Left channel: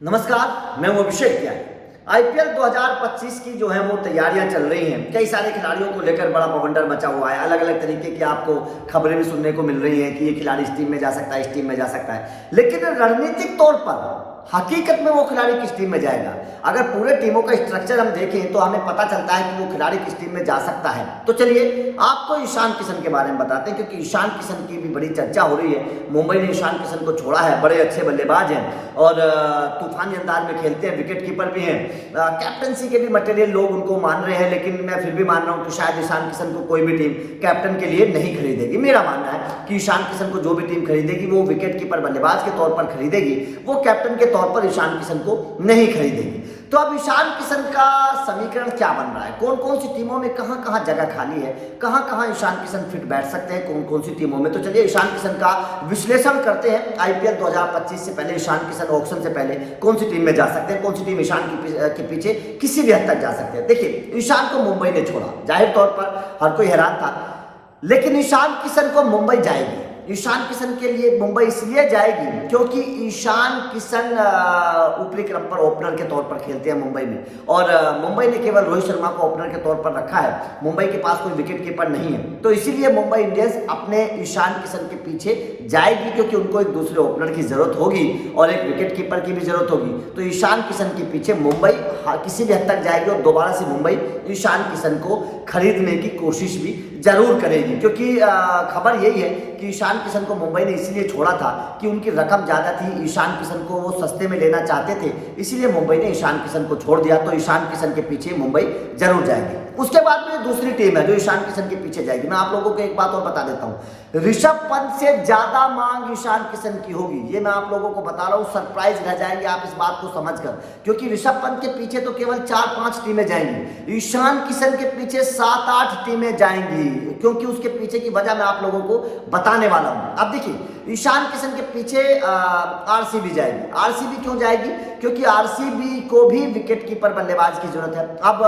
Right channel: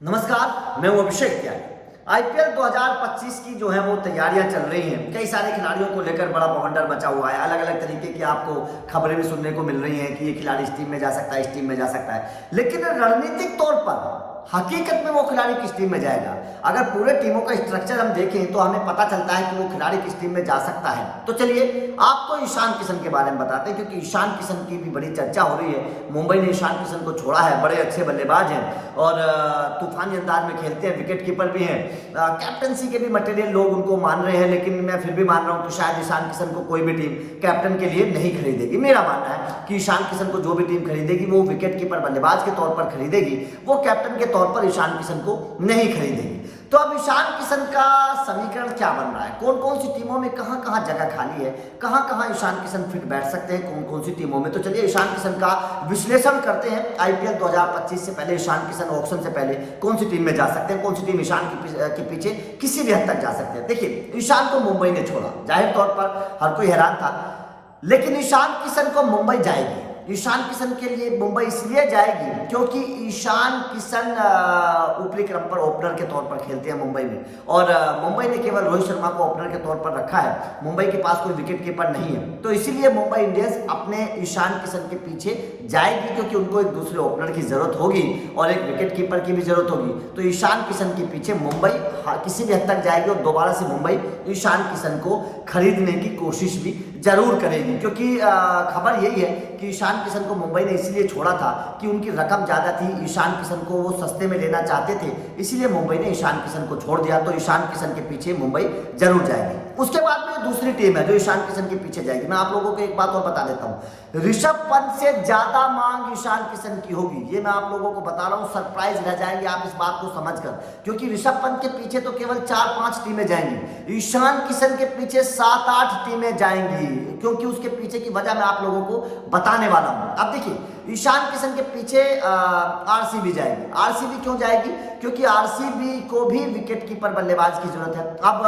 नमस्कार, मैं हूं अभिषेक त्यागी। आईपीएल 2025 की जो है वो तैयारियां चल रही हैं। कई सारे खिलाड़ियों को लेकर बड़ा बवंडर मचा हुआ है। अलग अलग तरीके की आपको खबरें भी सुनने को मिल रही हैं कि ये खिलाड़ी इस टीम में जा सकता है, इस टीम में जा सकता है। लेकिन रणनीतिक तौर पर हकीकत में वो खिलाड़ी किस टीम में जाएगा, अगर पूरे टीमों का स्ट्रक्चर हम देखें तो हमें पता चलता है कि वो खिलाड़ी किस टीम में जा सकता है। तो चलिए आपको ईशान किशन के बारे में बताते हैं, क्योंकि ईशान किशन की भी बड़ी चर्चा हो रही है। मुंबई ने ईशान किशन को छोड़ा है, बड़े अच्छे बल्लेबाज हैं और तूफानी अंदाज में खेलते हैं, विकेट कीपर भी हैं, कैप्टनसी के भी मटेरियल लोग उनको मान रहे हैं। लेकिन मैं फिर भी मान रहा हूं कि शायद ईशान किशन को कोई भी टीम कैप्टन के लिए नहीं खरीदेगी। मेरा मानना है कि ईशान किशन को जो भी टीम खरीदेगी वो विकेट कीपर बल्लेबाज के तौर पर खरीदेगी, वो कैप्टन के तौर पर ईशान किशन को नहीं खरीदेगी। तो अब ईशान किशन का समीकरण क्या बन रहा है, कौन कौन सी टीमों में कहां कहां जगह खाली है, कहां कहां ईशान किशन फिट बैठ सकते हैं, कौन कौन सी टीमों में। तो चलिए ईशान किशन का विश्लेषण करते हैं। आईपीएल 2025 से पहले ईशान किशन ऑक्शन से पहले कौन सी टीम में जा सकते हैं, कौन सी टीम ईशान के पीछे किसी भी हद तक जा सकते हैं। देखिए, ईशान को मुंबई ने छोड़ा, जाहिर तौर पर हर कोई हैरान था, लेकिन ईशान किशन को मुंबई जाएगी। ईशान किशन के लिए मुंबई इसलिए जाएगी क्योंकि ईशान किशन ऊपरी क्रम पर ओपनर के तौर पर खेलते हैं मुंबई में, और मुंबई ने केवल रोहित शर्मा को ओपनर के तौर पर रखा है। मुंबई के पास कोई विकेट कीपर नहीं है, तो इसीलिए मुंबई इंडियंस अपने ईशान किशन के पीछे जाएगी, क्योंकि उनको एक दूसरे ओपनर की जरूरत होगी और एक विकेट कीपर की भी जरूरत होगी। तो ईशान किशन के पीछे मुंबई किसी भी हद तक जाएगी और दोबारा से मुंबई ईशान किशन को खरीदने की कोशिश भी जरूर करेगी, क्योंकि खबर यही है कि ईशान किशन को मुंबई ने इसलिए छोड़ा था कि उनकी रकम ज्यादा थी। ईशान किशन को वो सस्ते में लेना चाहते थे, इसीलिए मुंबई ने ईशान किशन को छोड़ दिया। तो ईशान किशन के पीछे मुंबई जरूर जाएगी। उसके बाद में दूसरी टीम है जो ईशान किशन के पीछे जाएगी। मैं आप लोगों को एक बात और बता देता हूं, ऋषभ पंत से ज्यादा मांग ईशान किशन की होगी। ये मैं आप लोगों को बता रहा हूं, सरप्राइज रह जाएंगे आप इस बात को समझकर, क्योंकि ऋषभ पंत के पीछे तो केवल 4-5 टीमें जाएंगी, ईशान किशन के पीछे 7-8 टीमें जाएंगी, क्योंकि उसके पीछे की वजह मैं आप लोगों को बताने वाला हूं। अब देखिए, ईशान किशन के पीछे आरसीबी जाएगी। आरसीबी क्यों जाएगी? क्योंकि आरसीबी को भी विकेट कीपर बल्लेबाज की जरूरत है। अब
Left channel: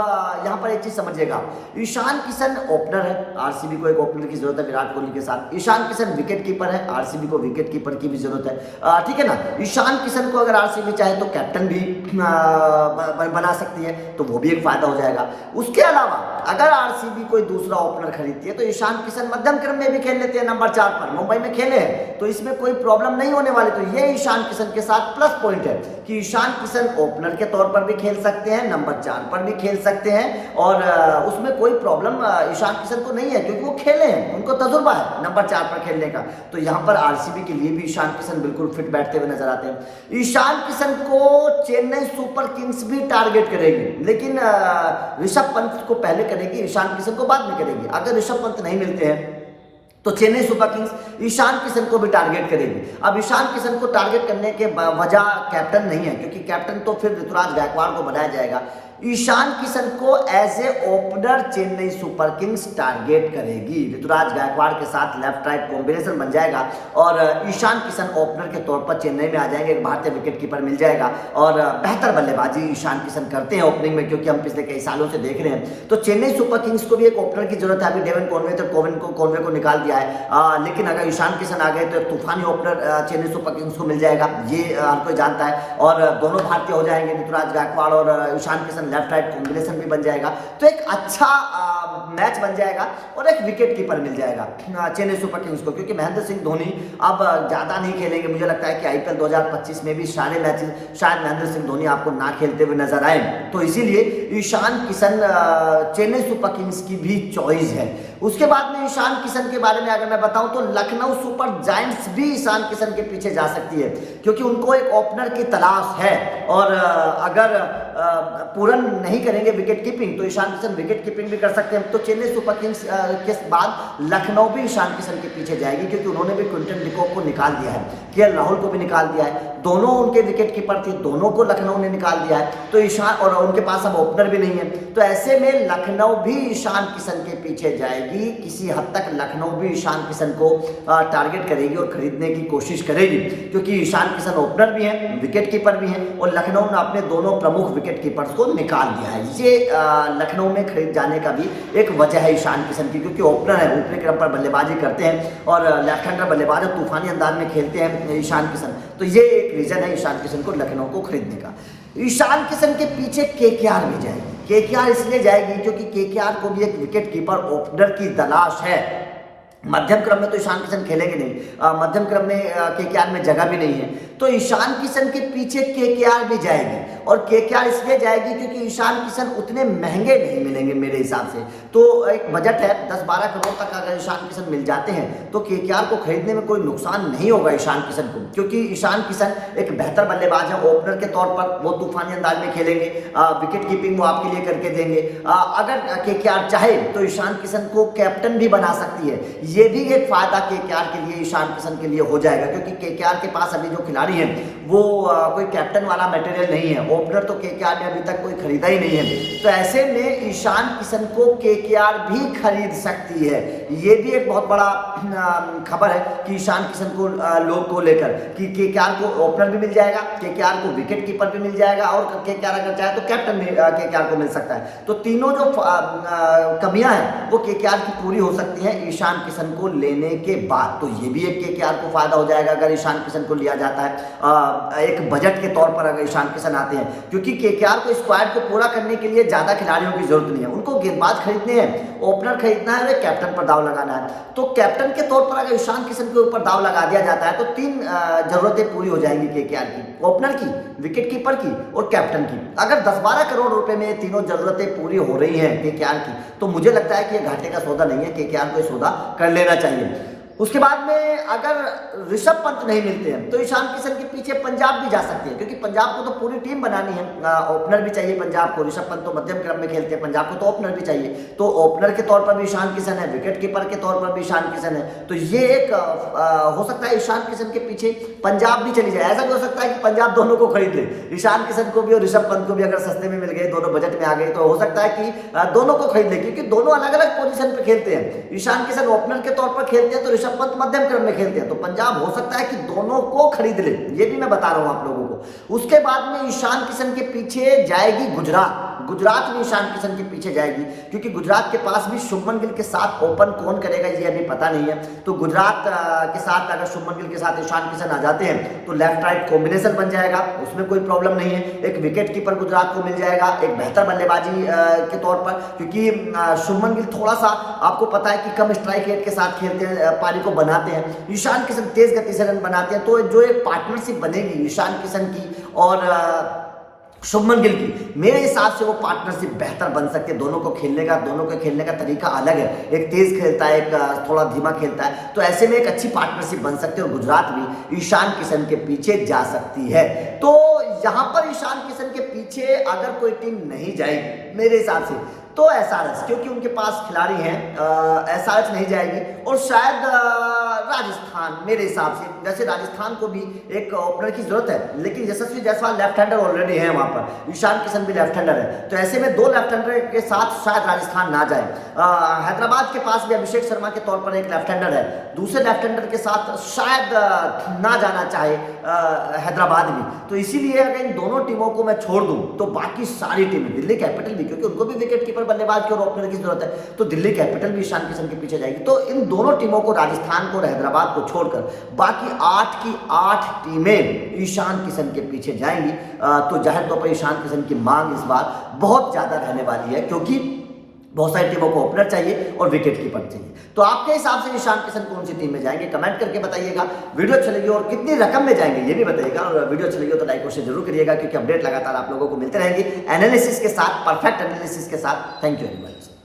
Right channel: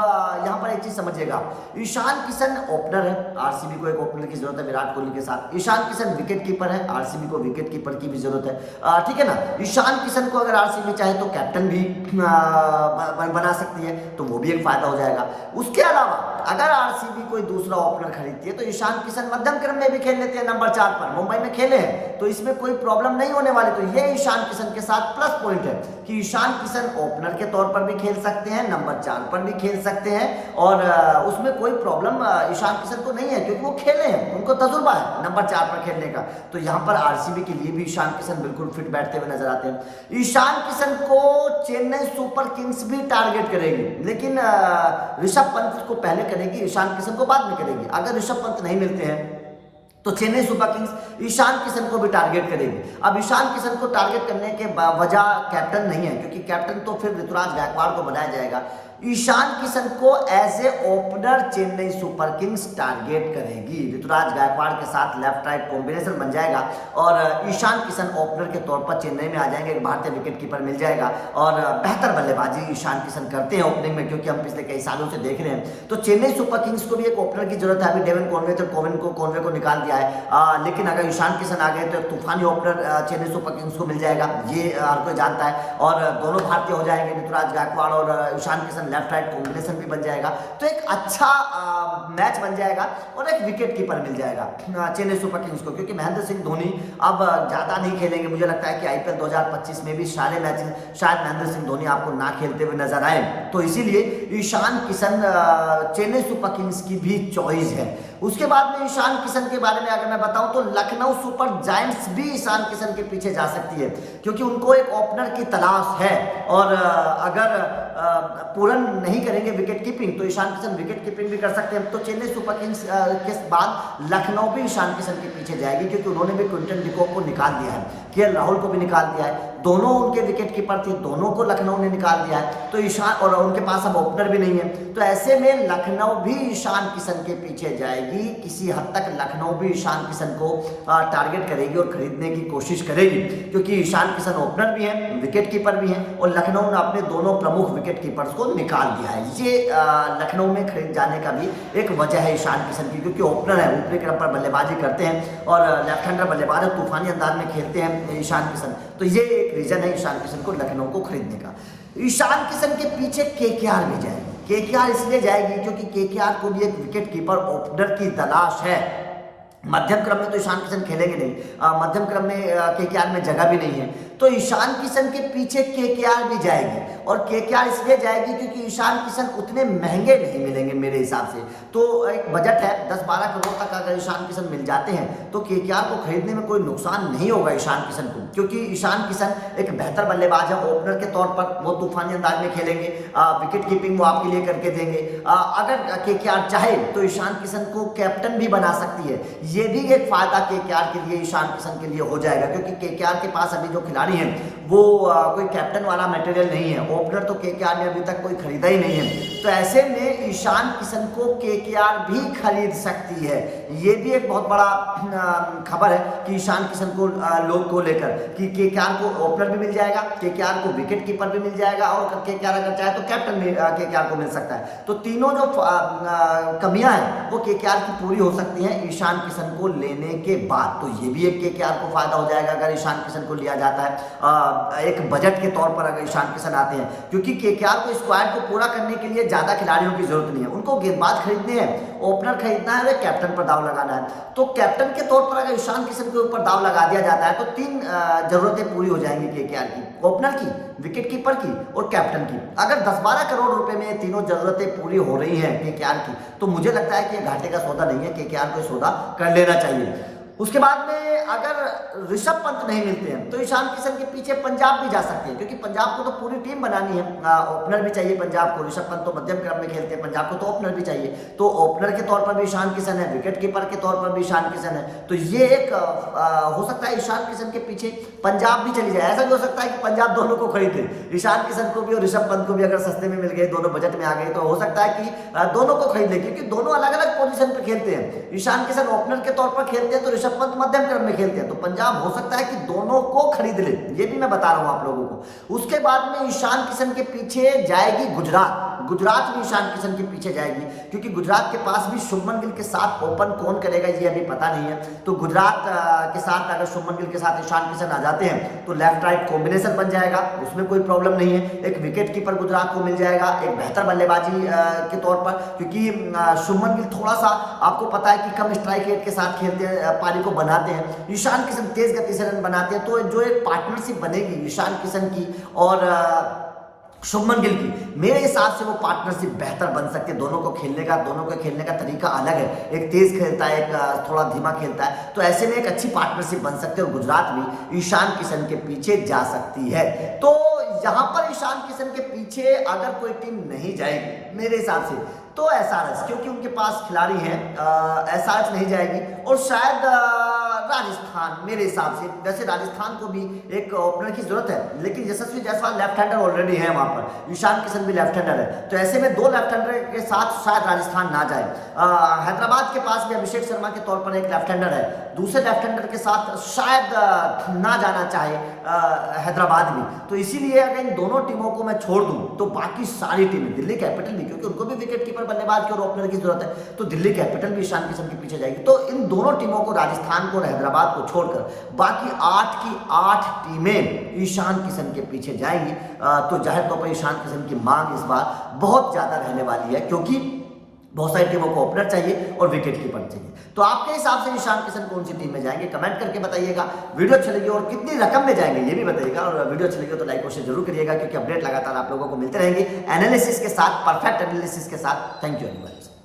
यहां पर एक चीज समझिएगा, ईशान किशन ओपनर है, आरसीबी को एक ओपनर की जरूरत है विराट कोहली के साथ। ईशान किशन विकेट कीपर है, आरसीबी को विकेट कीपर की भी जरूरत है, ठीक है ना। ईशान किशन को अगर आरसीबी चाहे तो कैप्टन भी बना सकती है, तो वो भी एक फायदा हो जाएगा। उसके अलावा अगर आरसीबी कोई दूसरा ओपनर खरीदती है तो ईशान किशन मध्यम क्रम में भी खेल लेते हैं, नंबर 4 पर मुंबई में खेले हैं, तो इसमें कोई प्रॉब्लम नहीं होने वाली। तो ये ईशान किशन के साथ प्लस पॉइंट है कि ईशान किशन ओपनर के तौर पर भी खेल सकते हैं, नंबर 4 पर भी खेल सकते हैं, और उसमें कोई प्रॉब्लम ईशान किशन को नहीं है, क्योंकि वो खेले हैं, उनको तजुर्बा है नंबर 4 पर खेलने का। तो यहां पर आरसीबी के लिए भी ईशान किशन बिल्कुल फिट बैठते हुए नजर आते हैं। ईशान किशन को चेन्नई सुपर किंग्स भी टारगेट करेगी, लेकिन ऋषभ पंत को पहले करेगी, ईशान किशन को बाद में करेगी। अगर ऋषभ पंत नहीं मिलते हैं तो चेन्नई सुपर किंग्स ईशान किशन को भी टारगेट करेगी। अब ईशान किशन को टारगेट करने के वजह कैप्टन नहीं है, क्योंकि कैप्टन तो फिर ऋतुराज गायकवाड़ को बनाया जाएगा। ईशान किशन को as a opener Chennai Super Kings target करेगी। ऋतुराज गायकवाड़ के साथ लेफ्ट राइट कॉम्बिनेशन बन जाएगा और ईशान किशन ओपनर के तौर पर चेन्नई में आ जाएंगे। एक भारतीय विकेट कीपर मिल जाएगा और बेहतर बल्लेबाजी ईशान किशन करते हैं ओपनिंग में, क्योंकि हम पिछले कई सालों से देख रहे हैं। तो चेन्नई सुपर किंग्स को भी एक ओपनर की जरूरत है। अभी डेवन कॉनवे तो कॉनवे को निकाल दिया है, लेकिन अगर ईशान किशन आ गए तो एक तूफानी ओपनर चेन्नई सुपर किंग्स को मिल जाएगा, ये हर कोई जानता है। और दोनों भारतीय हो जाएंगे, ऋतुराज गायकवाड़ और Ishan Kishan left right combination भी बन जाएगा, तो एक अच्छा मैच बन जाएगा और एक विकेट कीपर मिल जाएगा चेन्नई सुपर किंग्स को, क्योंकि महेंद्र सिंह धोनी अब ज्यादा नहीं खेलेंगे। मुझे लगता है कि आईपीएल 2025 में भी सारे मैचेस शायद महेंद्र सिंह धोनी आपको ना खेलते हुए नजर आए, तो इसीलिए ईशान किशन चेन्नई सुपर किंग्स की भी चॉइस है। उसके बाद में ईशान किशन के बारे में अगर मैं बताऊं तो लखनऊ सुपर जायंट्स भी ईशान किशन के पीछे जा सकती है, क्योंकि उनको एक ओपनर की तलाश है, और अगर पूरन नहीं करेंगे विकेट कीपिंग तो ईशान किशन विकेट कीपिंग भी कर सकते हैं। तो चेन्नई सुपर किंग्स के बाद लखनऊ भी ईशान किशन के पीछे जाएगी, क्योंकि उन्होंने भी क्विंटन डिकॉक को निकाल दिया है, केएल राहुल को भी निकाल दिया है, दोनों उनके विकेट कीपर थे, दोनों को लखनऊ ने निकाल दिया है। तो ईशान, और उनके पास अब ओपनर भी नहीं है, तो ऐसे में लखनऊ भी ईशान किशन के पीछे जाएगी। किसी हद तक लखनऊ भी ईशान किशन को टारगेट करेगी और खरीदने की कोशिश करेगी, क्योंकि ईशान किशन ओपनर भी हैं, विकेट कीपर भी हैं, और लखनऊ ने अपने दोनों प्रमुख विकेट कीपर्स को निकाल दिया है। ये लखनऊ में खरीद जाने का भी एक वजह है ईशान किशन की, क्योंकि ओपनर है, ऊपरी क्रम पर बल्लेबाजी करते हैं और लेफ्ट हैंडर बल्लेबाज है, तूफानी अंदाज में खेलते हैं ईशान किशन। तो ये एक रीजन है ईशान किशन को लखनऊ को खरीदने का। ईशान किशन के पीछे केकेआर भी जाएगी। केकेआर इसलिए जाएगी क्योंकि केकेआर को भी एक विकेट कीपर ओपनर की तलाश है। मध्यम क्रम में तो ईशान किशन खेलेंगे नहीं, मध्यम क्रम में केकेआर में जगह भी नहीं है, तो ईशान किशन के पीछे केकेआर भी जाएगी। और केकेआर इसलिए जाएगी क्योंकि ईशान किशन उतने महंगे नहीं मिलेंगे मेरे हिसाब से। तो एक बजट है 10-12 करोड़ तक अगर ईशान किशन मिल जाते हैं तो केकेआर को खरीदने में कोई नुकसान नहीं होगा ईशान किशन को, क्योंकि ईशान किशन एक बेहतर बल्लेबाज है। ओपनर के तौर पर वो तूफानी अंदाज में खेलेंगे, विकेट कीपिंग वो आपके लिए करके देंगे। अगर केकेआर चाहे तो ईशान किशन को कैप्टन भी बना सकती है। ये भी एक फायदा केकेआर के लिए, ईशान किशन के लिए हो जाएगा, क्योंकि केकेआर के पास अभी जो खिलाड़ी हैं वो कोई कैप्टन वाला मटेरियल नहीं है। ओपनर तो केकेआर ने अभी तक कोई खरीदा ही नहीं है, तो ऐसे में ईशान किशन को केकेआर भी खरीद सकती है। ये भी एक बहुत बड़ा खबर है कि ईशान किशन को लोग को लेकर कि केकेआर को ओपनर भी मिल जाएगा, केकेआर को विकेट कीपर भी मिल जाएगा और केकेआर अगर चाहे तो कैप्टन भी केकेआर को मिल सकता है। तो तीनों जो कमियां हैं वो केकेआर की पूरी हो सकती हैं ईशान किशन को लेने के बाद। तो ये भी एक केकेआर को फायदा हो जाएगा अगर ईशान किशन को लिया जाता है एक बजट के तौर पर अगर ईशान किशन आते हैं, क्योंकि केकेआर को स्क्वाड को पूरा करने के लिए ज्यादा खिलाड़ियों की जरूरत नहीं है। उनको गेंदबाज खरीदने हैं, ओपनर खरीदना है, कैप्टन पर दाव लगाना है। तो कैप्टन के तौर पर अगर ईशान किशन के ऊपर दाव लगा दिया जाता है तो 3 जरूरतें पूरी हो जाएंगी केकेआर की, ओपनर की, विकेट कीपर की और कैप्टन की। अगर 10-12 करोड़ रुपए में ये तीनों जरूरतें पूरी हो रही हैं केकेआर की, तो मुझे लगता है कि ये घाटे का सौदा नहीं है, केकेआर को सौदा कर लेना चाहिए। उसके बाद में अगर ऋषभ पंत नहीं मिलते हैं तो ईशान किशन के पीछे पंजाब भी जा सकती है, क्योंकि पंजाब को तो पूरी टीम बनानी है। ओपनर भी चाहिए पंजाब को, ऋषभ पंत तो मध्यम क्रम में खेलते हैं, पंजाब को तो ओपनर भी चाहिए। तो ओपनर के तौर पर भी ईशान किशन है, विकेट कीपर के तौर पर भी ईशान किशन है। तो ये एक हो सकता है ईशान किशन के पीछे पंजाब भी चली जाए। ऐसा भी हो सकता है कि पंजाब दोनों को खरीद ले, ईशान किशन को भी और ऋषभ पंत को भी। अगर सस्ते में मिल गए, दोनों बजट में आ गए, तो हो सकता है कि दोनों को खरीद ले, क्योंकि दोनों अलग अलग पोजीशन पे खेलते हैं। ईशान किशन ओपनर के तौर पर खेलते हैं तो ऋषभ पंत मध्यम क्रम में खेलते हैं। तो पंजाब हो सकता है कि दोनों को खरीद ले, ये भी मैं बता रहा हूं आप लोगों को। उसके बाद में ईशान किशन के पीछे जाएगी गुजरात। गुजरात भी ईशान किशन के पीछे जाएगी, क्योंकि गुजरात के पास भी शुभमन गिल के साथ ओपन कौन करेगा ये अभी पता नहीं है। तो गुजरात के साथ अगर शुभमन गिल के साथ ईशान किशन आ जाते हैं तो लेफ्ट राइट कॉम्बिनेशन बन जाएगा, उसमें कोई प्रॉब्लम नहीं है। एक विकेट कीपर गुजरात को मिल जाएगा, एक बेहतर बल्लेबाजी के तौर पर, क्योंकि शुभमन गिल थोड़ा सा आपको पता है कि कम स्ट्राइक रेट के साथ खेलते हैं, पारी को बनाते हैं। ईशान किशन तेज गति से रन बनाते हैं। तो जो एक पार्टनरशिप बनेगी ईशान किशन की और शुभमन गिल की, मेरे हिसाब से वो पार्टनरशिप बेहतर बन सकती है। दोनों के खेलने का तरीका अलग है, एक तेज खेलता है, एक थोड़ा धीमा खेलता है। तो ऐसे में एक अच्छी पार्टनरशिप बन सकती है और गुजरात भी ईशान किशन के पीछे जा सकती है। तो यहां पर ईशान किशन के पीछे अगर कोई टीम नहीं जाएगी मेरे हिसाब से तो एसआरएच, क्योंकि उनके पास खिलाड़ी हैं। एसआरएच नहीं जाएगी और शायद राजस्थान, मेरे हिसाब से जैसे राजस्थान को भी एक ओपनर की जरूरत है, लेकिन यशस्वी जायसवाल लेफ्ट हैंडर ऑलरेडी है वहां पर, ईशान किशन भी लेफ्ट हैंडर है। तो ऐसे में 2 लेफ्ट हैंडर के साथ शायद राजस्थान ना जाए। हैदराबाद के पास भी अभिषेक शर्मा के तौर पर एक लेफ्ट हैंडर है, दूसरे लेफ्ट हैंडर के साथ शायद ना जाना चाहे हैदराबाद भी। तो इसीलिए अगर इन दोनों टीमों को मैं छोड़ दूं तो बाकी सारी टीमें, दिल्ली कैपिटल भी, क्योंकि उनको भी विकेट कीपर बल्लेबाज की और ओपनर की जरूरत है, तो दिल्ली कैपिटल भी ईशान किशन के पीछे जाएगी। तो इन दोनों टीमों को, राजस्थान को और हैदराबाद को छोड़कर बाकी 8 की 8 टीमें ईशान किशन के पीछे जाएंगी। तो जाहिर तौर पर ईशान किशन की मांग इस बार बहुत ज्यादा रहने वाली है, क्योंकि बहुत सारी टीमों को ओपनर चाहिए और विकेट कीपर चाहिए। तो आपके हिसाब से ईशान किशन कौन सी टीम में जाएंगे कमेंट करके बताइएगा। वीडियो अच्छी लगी और कितनी रकम में जाएंगे ये भी बताइएगा, और वीडियो अच्छी लगी तो लाइक और शेयर जरूर करिएगा, क्योंकि अपडेट लगातार आप लोगों को मिलते रहेंगे एनालिसिस के साथ, परफेक्ट एनालिसिस के साथ। Thank you very much.